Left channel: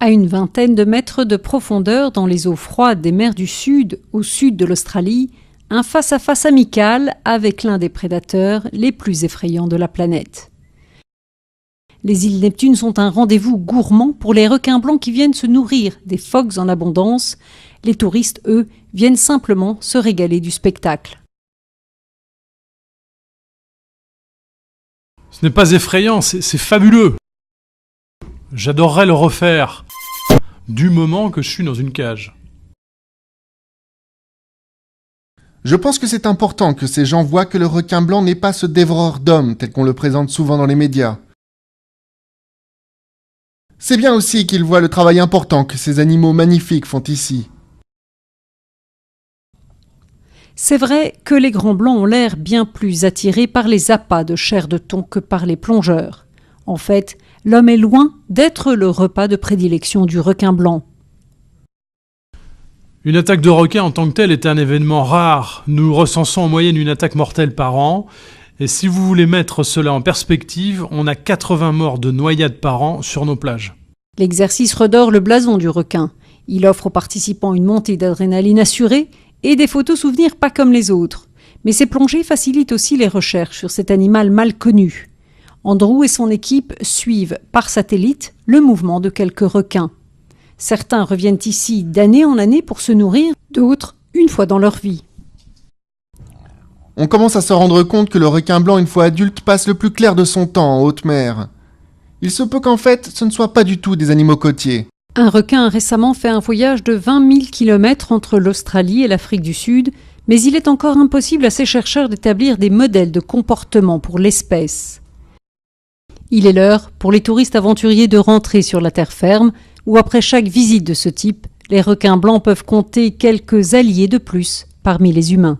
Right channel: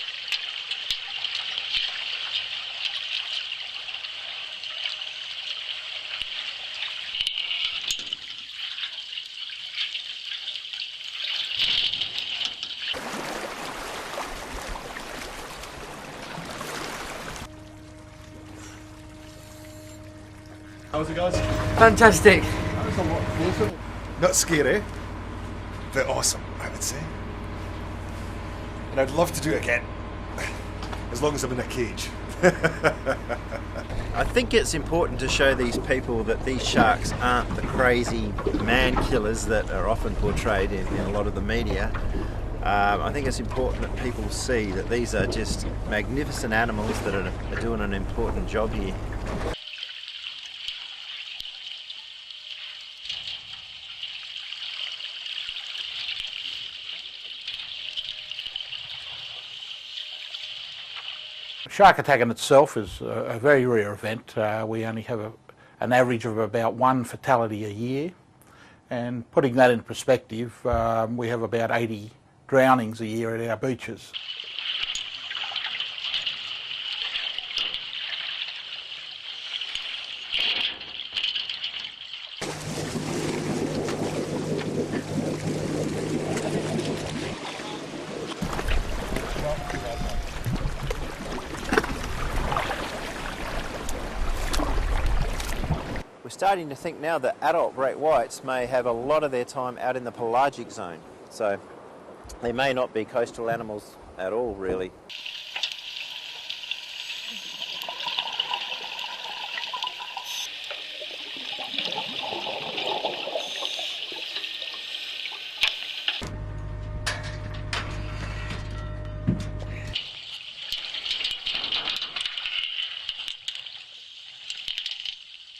À une vingtaine de mètres de profondeur dans les eaux froides des mers du Sud, au sud de l'Australie, un face-à-face amical avec l'un des prédateurs les plus effrayants de la planète. Les îles Neptune sont un rendez-vous gourmand pour les requins blancs qui viennent se nourrir des phoques en abondance. Les touristes, eux, viennent simplement se régaler du spectacle. Fantastic. Ce n'est pas effrayant, c'est fabuleux. J'adorerais le refaire, du moment que je suis dans une cage. Je pense que c'est important que ces gens voient que le requin blanc n'est pas ce dévoreur d'hommes tel qu'on le présente souvent dans les médias. C'est bien aussi qu'ils voient le travail important que ces animaux magnifiques font ici. C'est vrai que les grands blancs ont l'air bien plus attirés par les appâts de chair de thon que par les plongeurs. En fait, l'homme est loin d'être le repas de prédilection du requin blanc. Une attaque de requin en tant que telle est un événement rare. Nous recensons en moyenne une attaque mortelle par an. Et si vous voulez mettre cela en perspective, on a 80 morts de noyade par an sur nos plages. L'exercice redore le blason du requin. Il offre aux participants une montée d'adrénaline assurée et des photos souvenirs pas comme les autres. Mais ces plongées facilitent aussi les recherches sur cet animal mal connu. Andrew et son équipe suivent par satellite le mouvement de quelques requins. Certains reviennent ici d'année en année pour se nourrir, d'autres une fois dans leur vie. On commence à se rendre compte que le requin blanc, une fois adulte, passe le plus clair de son temps en haute mer. Il se peut qu'en fait, ce ne soient pas du tout des animaux côtiers. Un requin a récemment fait un voyage de 20 000 km entre l'Australie et l'Afrique du Sud, mais il est encore impossible à ces chercheurs d'établir des modèles de comportement pour l'espèce. Il est l'heure pour les touristes aventuriers de rentrer sur la terre ferme, où après chaque visite de ce type, les requins blancs peuvent compter quelques alliés de plus parmi les humains.